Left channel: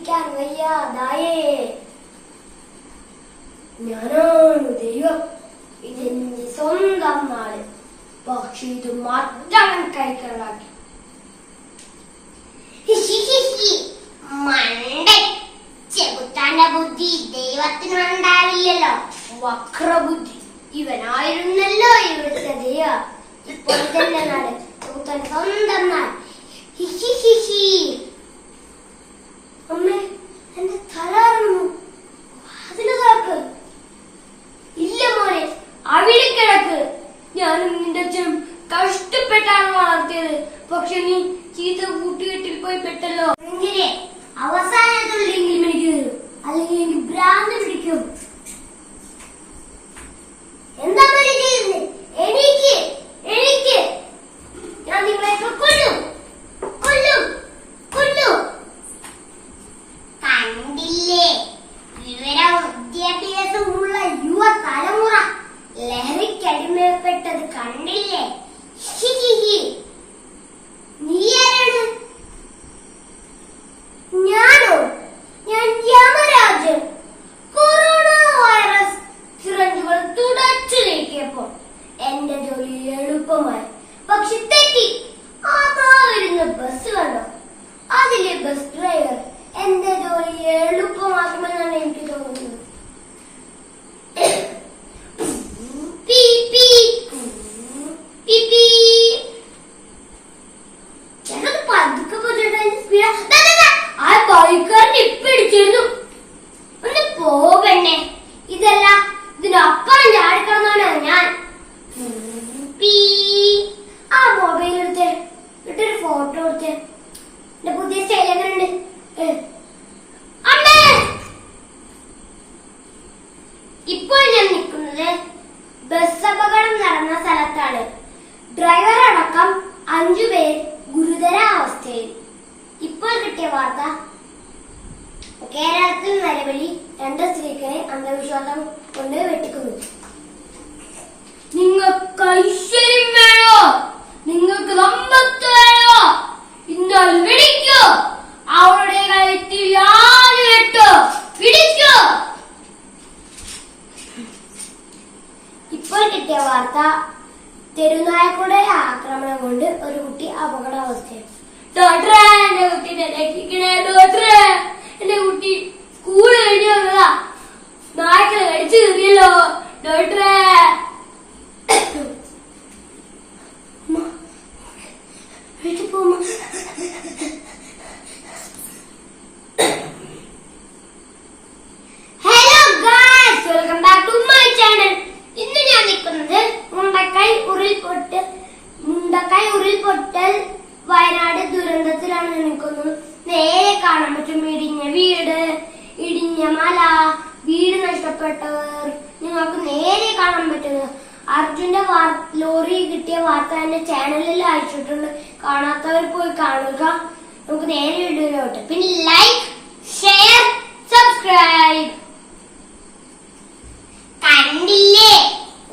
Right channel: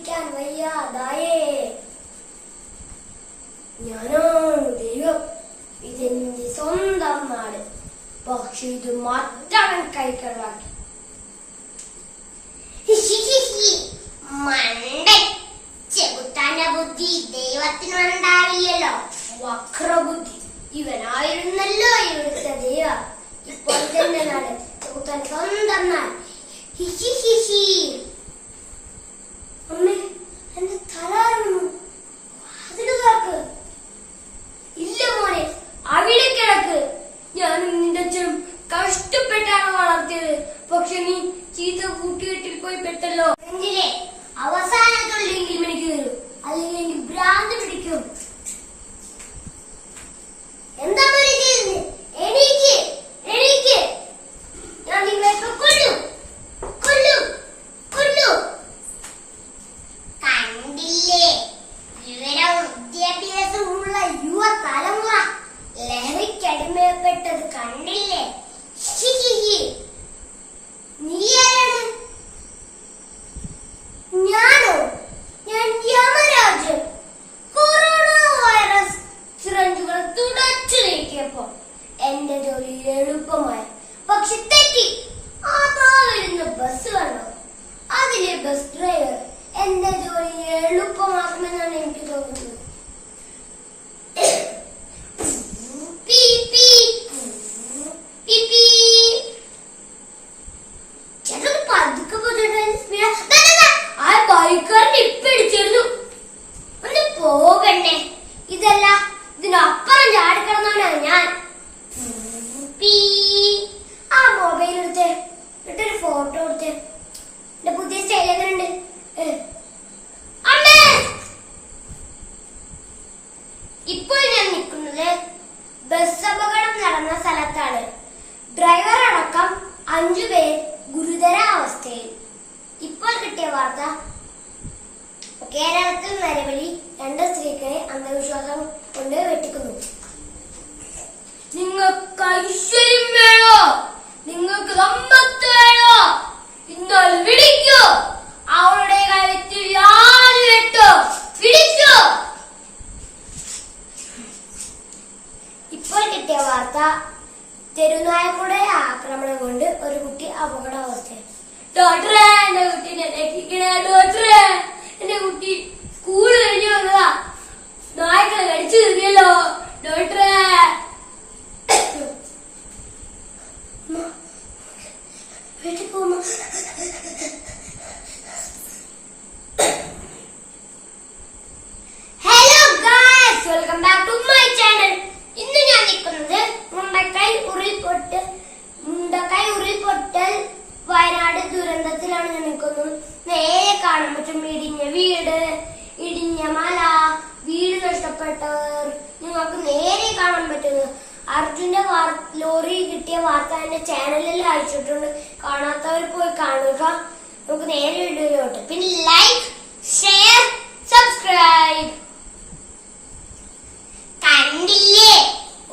പിടിക്കാൻ വയ്യാതായേ. ഞാനാണ് ദൈവം, ഇതെന്റെ സ്വന്തം നാട്. പക്ഷെ ഇത് മറ്റവൻ കൈക്കലാക്കി. ചെകുത്താന്റെ ബുദ്ധി ദൈവത്തിനുണ്ടാവില്ലല്ലോ. വക്രബുദ്ധി. ഇവനായിരുന്നല്ലോ ഇവിടുത്തെ ദൈവ. ഇപ്പോൾ ഇതെന്റെ നാട്, ചെകുത്താൻ സ്വന്തം നാട്. അമ്മേ, എന്റെ തലർന്നു. അതിന് കാക്ക്. ഇല്ല മോനെ, അവിടെ കിടക്ക്. ഞാനും നിന്റെ അച്ഛനും കഷ്ടപ്പെട്ടാണ് വളർത്തിയത്. പക്ഷെ നീ ചീത്ത കൂട്ടുകെട്ടിൽ പോയി പെട്ടല്ലോ. എങ്കിലേ അവസാനത്തുള്ളെങ്കിലും എനിക്ക് വരും, അല്ലെങ്കിൽ എനിക്ക് ഭ്രാന്ത് പിടിക്കും. എന്താ ചെയ്യുന്നത്? എനിക്ക് എനിക്ക് ഞാൻ നിങ്ങളെ കൊല്ലും കൊല്ലും കൊല്ലും. കണ്ടില്ലേ, വിവരവും വിദ്യാഭ്യാസമുള്ള യുവ തലമുറ ലഹരിക്കടിമപ്പെട്ടത് കണ്ടില്ലേ? നീ ആരാണ്? ഞാനോ? ഞാൻ യമരാജൻ. കൊറോണ വൈറസ് സിറഞ്ചുകൾ തുടച്ചു നീക്കിയപ്പോ എന്റെ ജോലി എളുപ്പമായി. പക്ഷെ തെറ്റി. അതാ വരുന്ന ബസ് കണ്ടോ? അതിലെ ബസ് ഡ്രൈവർ എന്റെ ജോലി എളുപ്പമാക്കുമെന്നാണ് എനിക്ക് തോന്നുന്നത്. ഒന്ന് പോകണ്ടേ? ഇതല്ല, ഇതിനപ്പുറം ചാടിക്കടന്നവനാണ് ഞാൻ. ആ മൊബൈൽ എടുത്തേ, എന്നിട്ടൊരു ഫോട്ടോ എടുത്തേ. എന്റെ പുതിയ സ്റ്റൈൽ എങ്ങനെയുണ്ട്? അമ്മേ, ഇപ്പോൾ ഞാൻ നിൽക്കുന്നത് ബസ് അപകടം നടന്ന സ്ഥലത്താണ്. ഡ്രൈവർ അടക്കം 5 പേർ ഗുരുതരാവസ്ഥയിൽ. ഇപ്പോൾ കിട്ടിയ വാർത്ത, കേരളത്തിൽ നരബലി 2 സ്ത്രീകളെ അന്ധവിശ്വാസം കൊണ്ട് വെട്ടിക്കുന്നു. നിങ്ങൾക്ക് ഐശ്വര്യം വേണോ? നിങ്ങൾക്ക് സമ്പത്ത് വേണോ? എന്നാൽ വിളിക്കൂ. അവളുടെ കഴുത്തിൽ യാതൊരു വെട്ടോ. വിളിക്കൂ. ഇപ്പോൾ കിട്ടിയ വാർത്ത, തെരുനായക്കളുടെ ആക്രമണം കൊണ്ട് ഒരു കുട്ടി അപകടാവസ്ഥയിൽ. ഡോക്ടറെ, എന്റെ കുട്ടീനെ രക്ഷിക്കണേ ഡോക്ടറെ. എന്റെ കുട്ടി സ്കൂള് കഴിഞ്ഞു വന്നതാ. നായ്ക്കളെ കഴിച്ചു തിന്നിയല്ലോ ഡോക്ടറെ. വീട്ടിൽ പോകുമ്പോ hello guys, welcome back to my channel. ഇന്ന് ഞാൻ നിൽക്കുന്നത് മുണ്ടക്കൈ ഉരുൾപൊട്ടൽ വയനാട് ദുരന്തത്തിലാണ് ഞാൻ നിൽക്കുന്നത്. നേരെ കാണാൻ പറ്റും ഇടിഞ്ഞ വീട്, ഇടിഞ്ഞ മല, വീട് നഷ്ടപ്പെട്ടവർ. നിങ്ങൾക്ക് നേരെ കാണാൻ പറ്റുന്നത്. അർജുന്റെ ലോറി കിട്ടിയ വാർത്ത എന്റെ ചാനലിൽ അയച്ചിട്ടുണ്ട്. കാണാത്തവർ പോയി കാണുക. നമുക്ക് നേരെ വീഡിയോയിലോട്ട്. പിന്നെ ലൈക്ക്, ഷെയർ, സബ്സ്ക്രൈബ്. കണ്ടില്ലേ,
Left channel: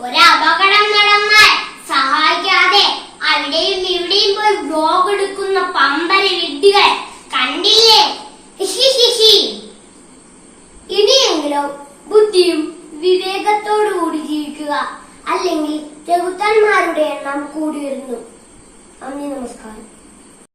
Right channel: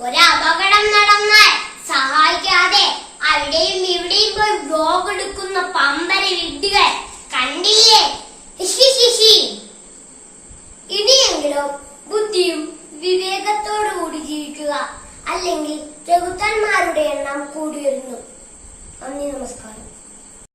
ഒരു അപകടം നടന്നാൽ സഹായിക്കാതെ അവിടെയും ഇവിടെയും പോയി വ്ലോഗ് എടുക്കുന്ന പമ്പര വിഡ്ഢികൾ കണ്ടില്ലേ? ഇനിയെങ്കിലും ബുദ്ധിയും വിവേകത്തോടു കൂടി ജീവിക്കുക. അല്ലെങ്കിൽ ചെകുത്താന്മാരുടെ എണ്ണം കൂടി വരുന്നു. നന്ദി, നമസ്കാരം.